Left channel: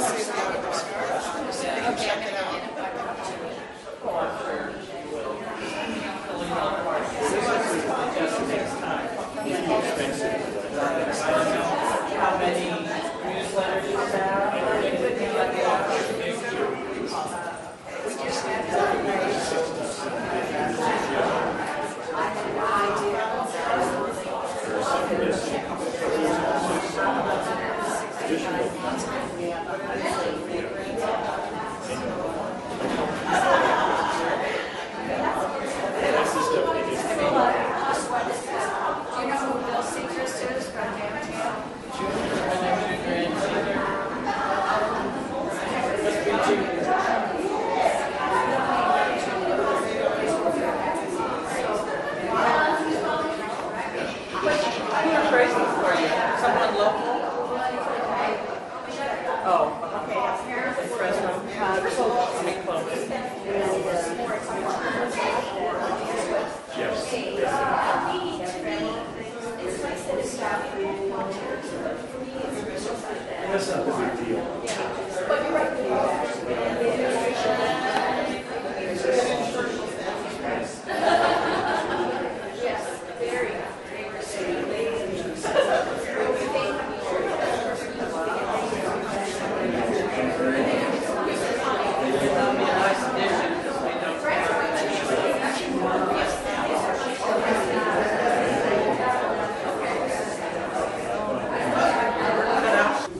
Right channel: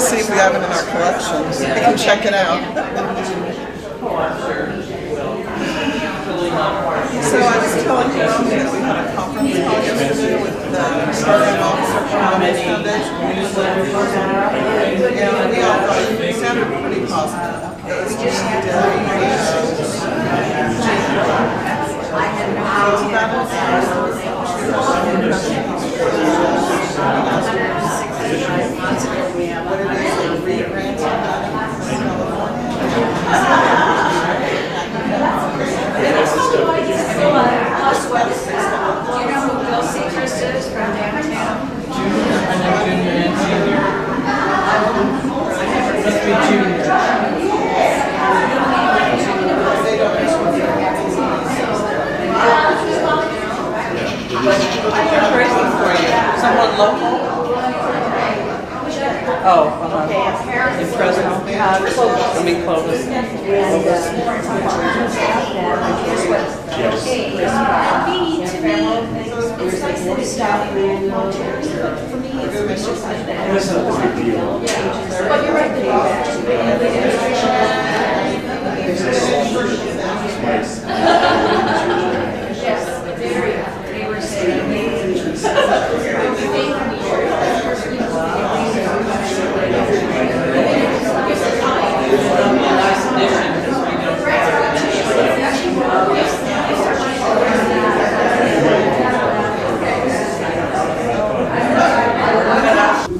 to see if we have it in our collection. We can check it out. So I was telling him that we had a conference call yesterday with the executive officer from the foundation. Yeah, it sounded pretty positive. We just had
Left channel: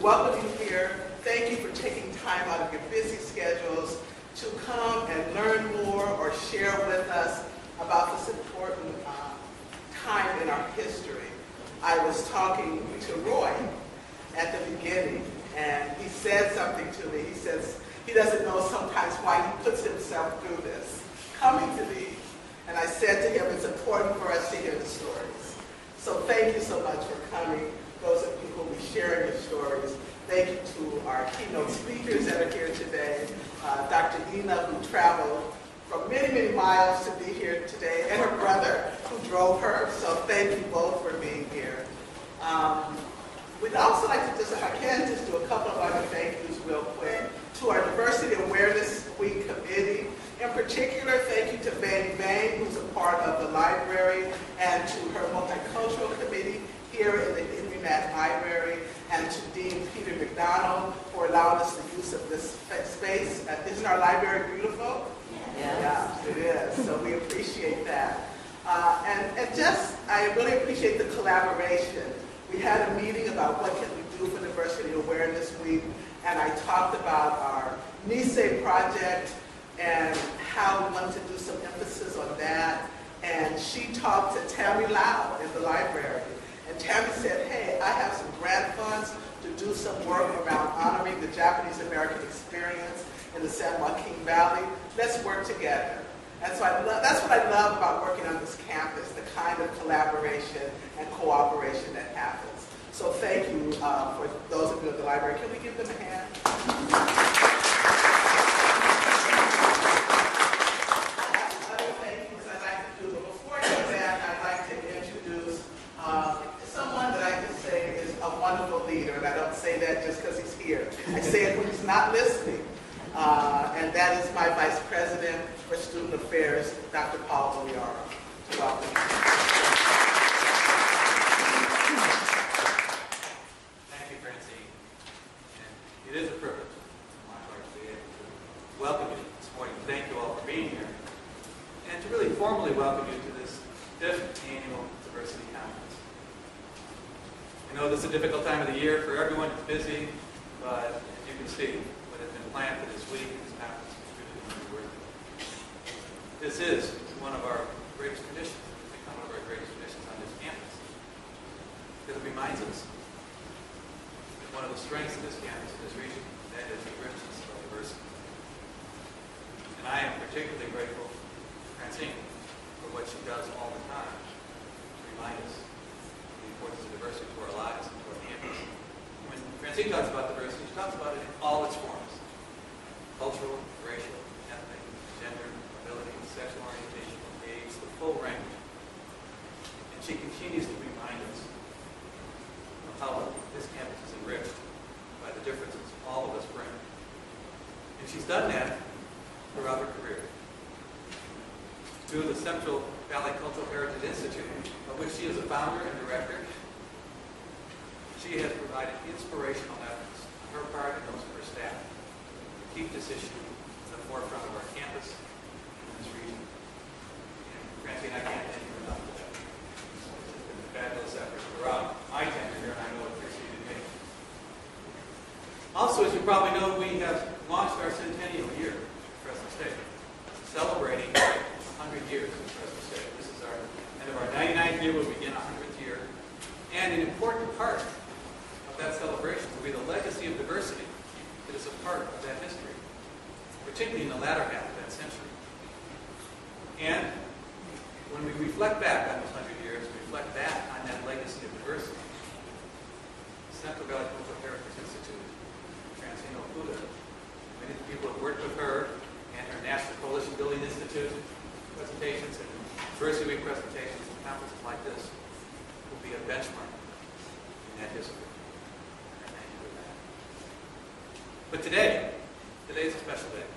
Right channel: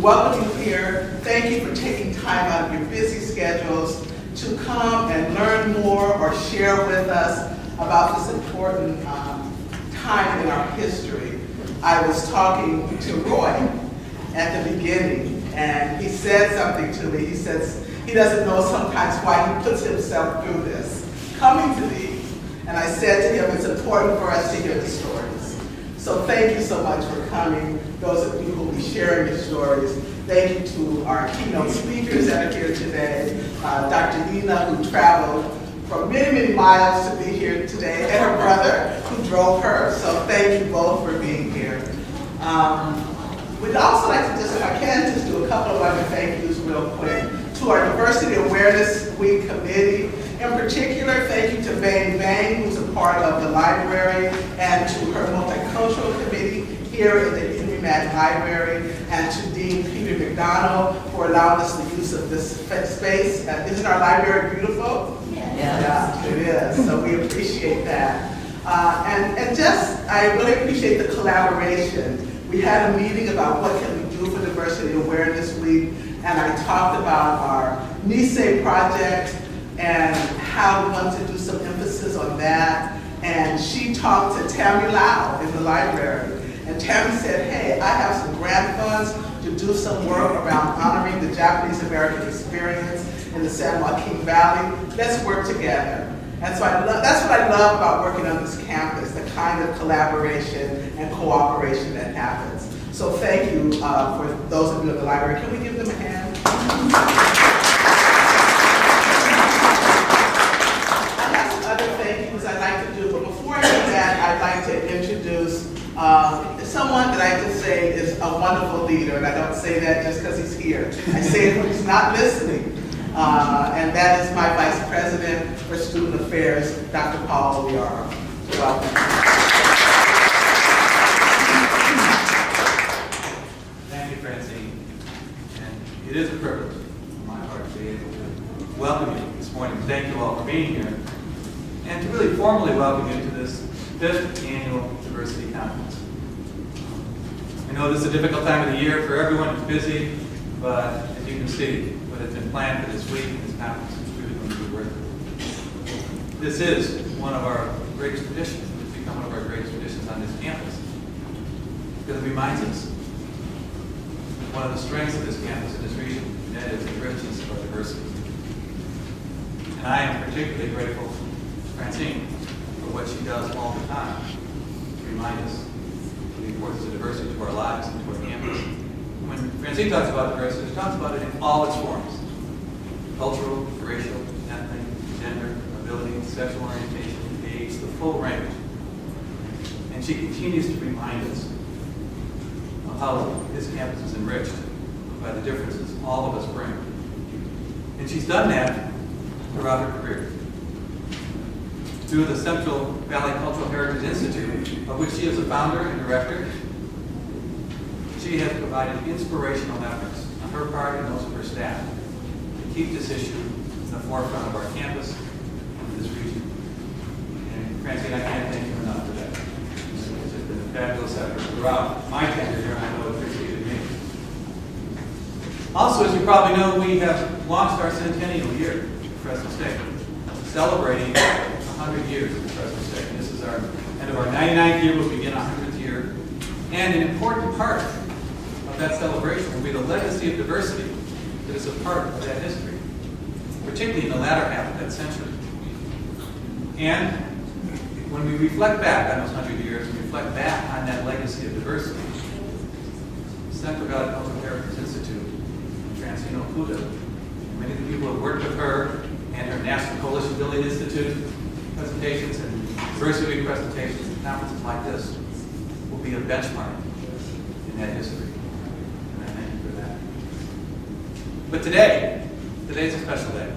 welcome you here. Thank you for taking time out of your busy schedules to come and learn more or share with us about this important time in our history. I was talking to Roy at the beginning, and he said something to me. He says he doesn't know sometimes why he puts himself through this, coming to these. And I said to him, it's important for us to hear the stories. So thank you so much for coming. Those of you who will be sharing your stories. Thank you to our keynote speakers that are here today. Dr. Ina, who traveled from many, many miles to be here today, and her brother, who drove her. So thank you both for being here. We'd also like to just, if I can, just do a couple of other thank yous real quick. To our Diversity Awareness Week committee. In particular, thank you to Bang Bang, who's a part of the library, and to her multicultural committee here in the Henry Mack Library, and to Dean Peter McDonald for allowing us the use of this space. Isn't our library beautiful? Yeah, it is. So we appreciate that. And just, I really appreciate the collaboration. We had a meeting about what can we do for Diversity Awareness Week, and I talked about our NICE project and how we want to do some emphasis on that. And she talked to Tammy Lau in the library. And Tammy said, hey, I have some grant funds to do some work around honoring the Japanese American experience in the San Joaquin Valley. Let's work together. And so that's what I love about working on this campus, the kind of collaboration and cooperation that happens. So thank you for those of you at the library. Can we give them a hand? I have some other thank yous I'd like to do, but before I do that, I'd like to introduce someone that I can say is a wonderful leader, and I don't say that just because he's here. I say it when he's not listening. And that is my Vice President for Student Affairs, Dr. Paul Oliara. Welcome. Thank you, Francine. And it is a privilege on my part to be able to welcome you this morning. Thank you all for being here. And to really formally welcome you to this 5th Annual Diversity Conference. I know this is a difficult time of the year for everyone. It's busy, but as you can see, what has been planned for this week and this conference is truly going to be worth it. This is one of our greatest traditions. It's become one of our greatest traditions on this campus because it reminds us of one of the strengths of this campus and this region, and that is the richness of our diversity. And I am particularly grateful to Francine for what she does all the time to remind us of the importance of diversity to our lives and to our campus. When Francine talks about diversity, she talks about it in all its forms: cultural, racial, ethnic, gender, ability, sexual orientation, age, the full range. And she continues to remind us of how this campus is enriched by the the differences all of us bring. And she's done that throughout her career. Through the Central Valley Cultural Heritage Institute, of which she is a founder and director, she has provided inspirational efforts on her part and those of her staff to keep this issue in the forefront of our campus and this region. And Francine, I can't thank you enough for that. It's just been a fabulous effort throughout my tenure here, and I know it preceded me. Also, as you probably know, we have launched our Centennial Year at Fresno State, celebrating 100 years at Fresno State. This is our end of our 99th year, we'll begin our 100th year. And an important part of that celebration will be the legacy of diversity that is a part of that history, particularly in the latter half of that century. And when we reflect back on those 100 years, and reflect back on that legacy of diversity, the Central Valley Cultural Heritage Institute, Francine Okuda, and many of the people who have worked with her and her National Coalition Building Institute presentations and diversity week presentations and conferences like this will be a benchmark in that history. And I thank you for that. But today's a special day.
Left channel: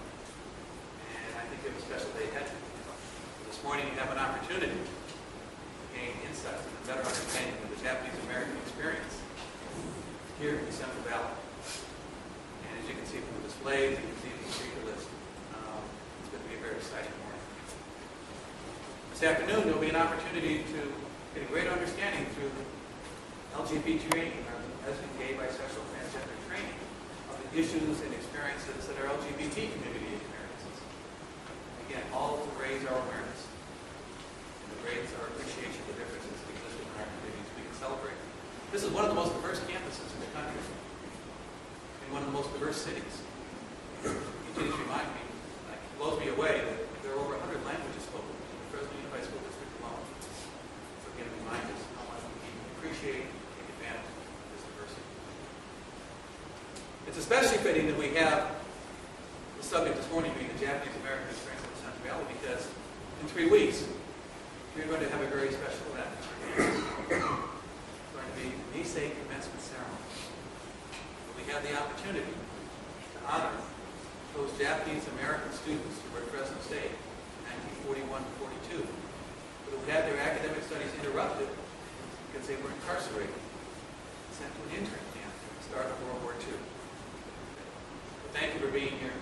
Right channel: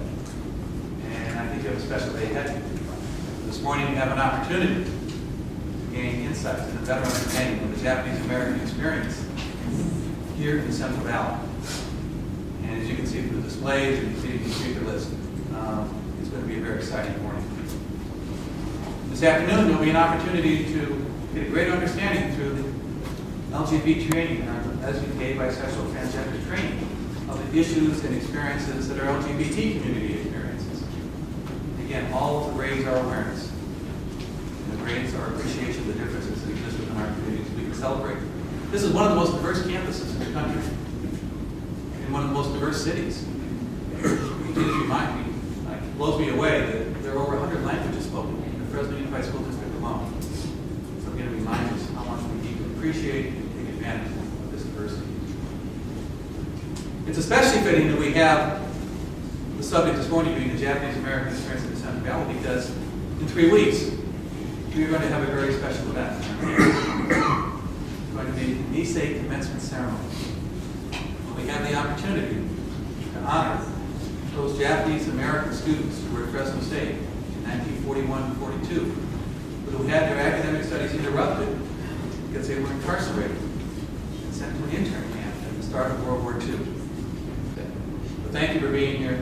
And I think you have a special day ahead of you. This morning you have an opportunity to gain insights and a better understanding of the Japanese-American experience here in the Central Valley. And as you can see from the displays, and you can see from the speaker list, it's going to be a very exciting morning. This afternoon, there will be an opportunity to get a greater understanding through the LGBT training, or SVK, bisexual, transgender training, of the issues and experiences that our LGBT community experiences. Again, all to raise our awareness and to raise our appreciation of the differences that exist within our communities. We can celebrate. This is one of the most diverse campuses in the country, in one of the most diverse cities. It just reminds me, it blows me away that there are over 100 languages spoken in the Fresno Unified School District alone. So again, it reminds us how much we need to appreciate and take advantage of this diversity. It's especially fitting that we have the subject this morning being the Japanese-American experience in the Central Valley, because in 3 weeks, we're going to have a very special event. It's going to be the Nisei Commencement Ceremony. We have the opportunity to honor those Japanese-American students who were at Fresno State in 1941-42, but who had their academic studies interrupted because they were incarcerated and sent to an intern camp at the start of World War II. But thank you for being here.